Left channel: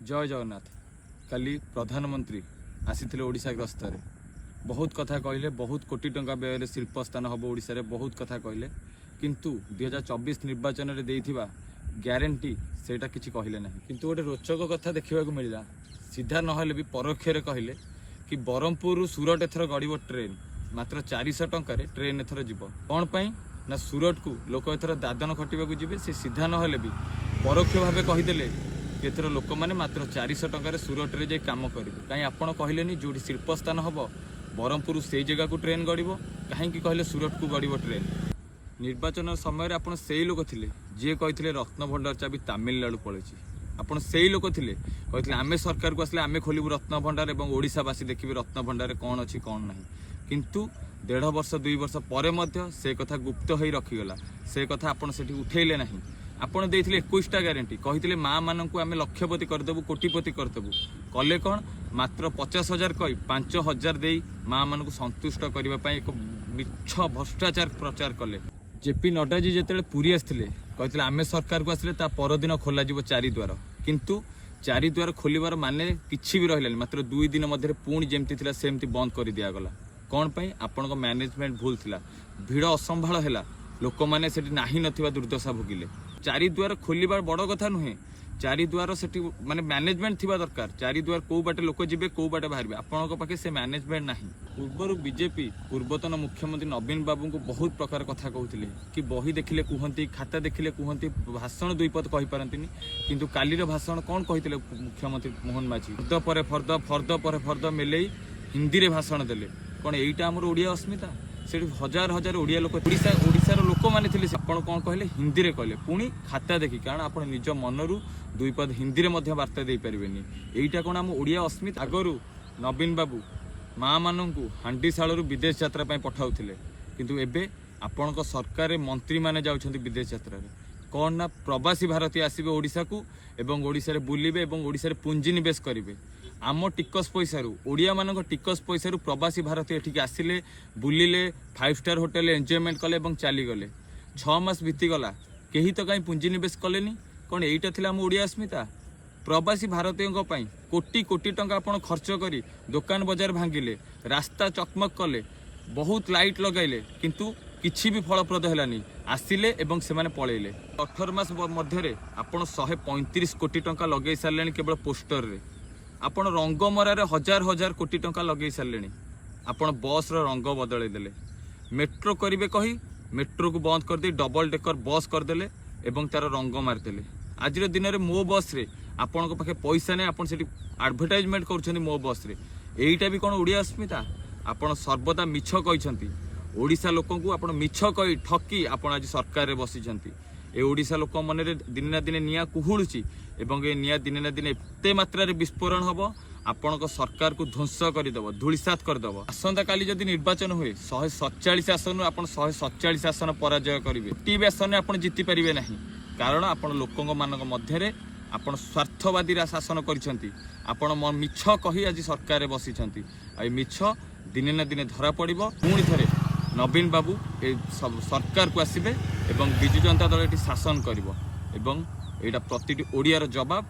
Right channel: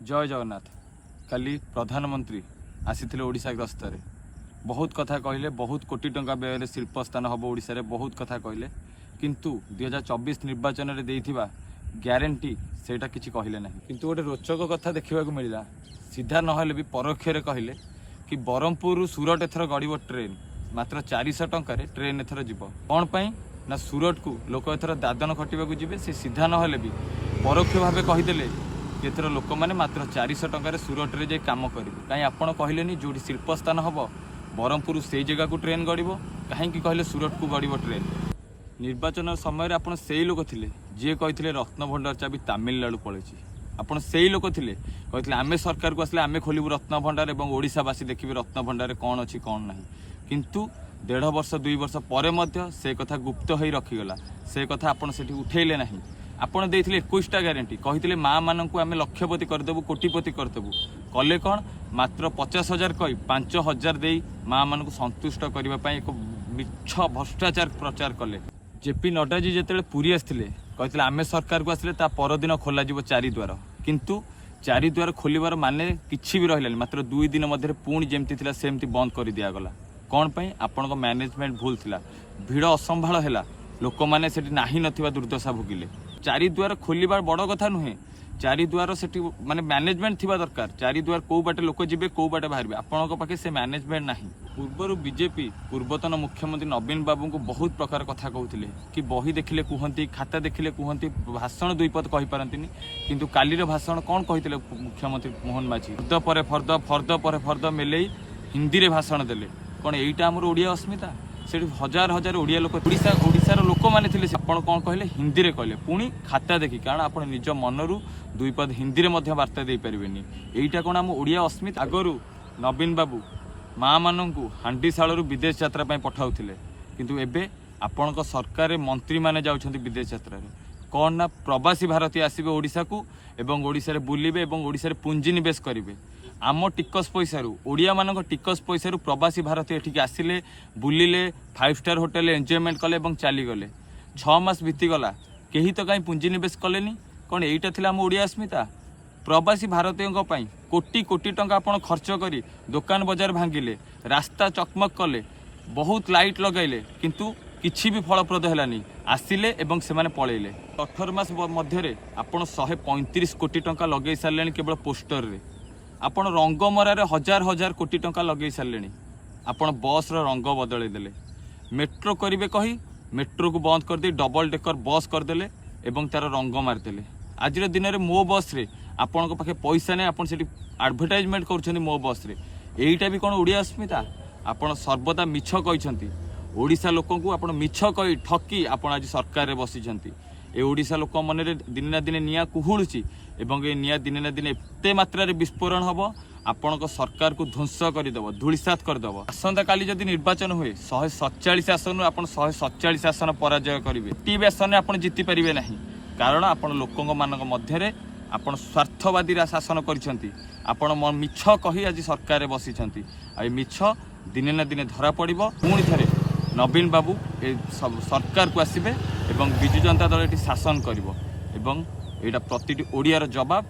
जय जगन्नाथ। काली प्रधानमंत्री आसीथिले ओडिशा गस्तर बहुत कथा कहले, बहुत कोटी टंका व्यय शिल्प स्थान हम ओडिशा रे बहुत कथा कहले, किंतु 2024 निर्वाचन रे देइथिबा ग्यारंटी सेटा किछि कहले नहीं। किंतु गोटे रोचक कथा देखा मिलला, सीधा नहले भी परोक्ष रे कहले कि ब्रह्मपुर सूरत एथर गड़ब ट्रेन मात्र 400 टंकार ट्रेन एथर जीव। कौन पाई ना सूरत को लोक एथर दादन खटिबा जीवे। से सीधा नहले भी परोक्ष भाव कहीदेले एथर लोक मैंने मात्र 400 टंकार सूरत रे जाई काम करेंगे। कहीं आपण कहलेनी जो शिल्प स्थान हम ब्रह्मपुर से जगह को ट्रेन गड़ब, कहीं कहले सूरत को गड़ब ट्रेन। निर्वाचन समय आपड़ से लोक थे जी कहते रत्नभंडार चाबी तामिलनाडु पलैची। आपड़ से लोक थे कहते आम सरकार को आसले आम खोलू रत्नभंडार और ओडिशावासी देखिए रत्नभंडार कौन अच्छी कौन ना। किंतु 1.5 वर्ष 2 वर्ष पर से कथा गुप्त हो रखीगला। से कथा आपड़ से उठेले ना। आपड़ देते 21टा ग्यारंटी कहते माँ मानू आम लक्षपति करदेबू, कोटिपति करदेबू। कले कौन मात्र 50,000 कही 5,000 दे माँ मान संतुष्ट करने एक मिछ भ्रष्टाचार प्रचार कले। जेपी नड्डा जी जिते पुरी आसते कहते आम सरकार को आसले परदिन खोल 4 द्वार, किंतु 4 द्वार खोलबार माने किसी भी रहा मात्र 2 दिन मध्य पुणी जमती सेमती बंद कर दिगला। कौन पाई आपण मैनेजमेंट भूल थिला, भिड़ असंभाल है, लोक मैंने से नाही नथिबा दुर्दशा भोगिले। 4 द्वार खोलबार बड़ कथा नुहे, 4 द्वार से माने मैनेजमेंट थिबा दरकार। 4 द्वार कौ बाटे लोक जीवे कौ बाटे बाहर आपन पाखे से मैनेजमेंट नाही। पूर्वर बीजेपी पूर्वतन मुख्यमंत्री नवीन बाबू को बहुत प्रकार कथा कहते कि बही देखिले कहती, खाता देखिले कहती, भाषण 2 पद कही पारंतिनी। किंतु कालीर भाषण कौन कहते मुख्यमंत्री मोहन माझी फर्द पर फर्द फर्द पर फर्द मेले हिंदी रे भाषण देले। कौन यहीटा आमर ओडिया अस्मिता? से हजार हजार ओडिया लोक ओडिशार लोक मैंने थे कौन कहले हिंदी रे कहले, पुणी खाता देखी, कारण आप निज मनरू 2 पद हिंदी रे मध्य वार्ता दे पारिबेनी। एईटा कौन आम ओडिया अस्मिता? आगरू नवीन बाबू माँ मानू हांडीशाल विदेश यात्रा पठाउथिले, किंतु एबे आपण सरकार मंत्री माने जाउछंती विदेश यात्रा रे। कौन ना प्रवासी भारतीय आसबे ओडिशा को एवं ओडिशा रे बुलिबे एवं ओडिशा रे पुंजी निवेश करिवे। आम टिकस पैसा ओडिया मान टिकस पैसा प्रवासी भारतीय एठिक आसिले, बुलिले, 5 स्टार होटेल एंजॉयमेंट कले और चलीगले। 6 मास बीतीगला, कहीं तो कहीं पुंजी निवेश कलेनी। कौन यहीटा थिला आम ओडिया अस्मिता? प्रवासी भारतीयों कोटी कोटी टंका आपण खर्च करी दुकान बजार भांगिले, रास्ता चकमक कले, बहुत लाइट लगैले, किंतु किछि भी फलप्रद हेलानी। आसिले एवं से माने पळैले। 18 मास मध्य आपण 135 कोटी टंका लगे सारे केवल पोस्टर रे। आपण रंगमरारे हजार हजार कोटी टंका लगे सारे। आपण बस रंग बदल देले। मेट्रो करिवे कही मेट्रो को बंद कर दे डबल डेकर बस करदेले एवं तार रंग मारदेले। आज दिन में मो बस रे आपण पाखे पैसा नहीं, आपण सेठी एडवर्टाइजमेंट करुछंती मो बस रे। एईटा भी कौन ओडिया अस्मिता? आपण सर्वदा मिछ कहिसंती ओडिशा लोक को, आपण मिछ कही ठकी आपण आज सरकार रे बसिसंती। ए ओडिशा लोक मन रे दिन ना दिन निया कुहुळुची एवं ए निया दिन ना दिन एते मात्रा रे विस्फोरण हबो, आपण सरकार को ध्वंस करदेव, धूलिसात करदेव। आसंता काली जदि निर्वाचन हुए 147 आसन आपण 147 आसन पराजय करेंगे। टी आसन आप जीति पारे ना, कारण आपण लोकों मानक मध्य आपण स्वार्थवादी शासन करिसेंती। आपण मिछ कही आज सरकार बसिसेंती। आ मिछ दिने ना दिने धरा पड़िबो। पुणी थे नवीन बाबू ए सरकार को आसबे एवं विजु जनता दल ये शासन करिबो एवं एटा प्रतिटी ओडियार जवाब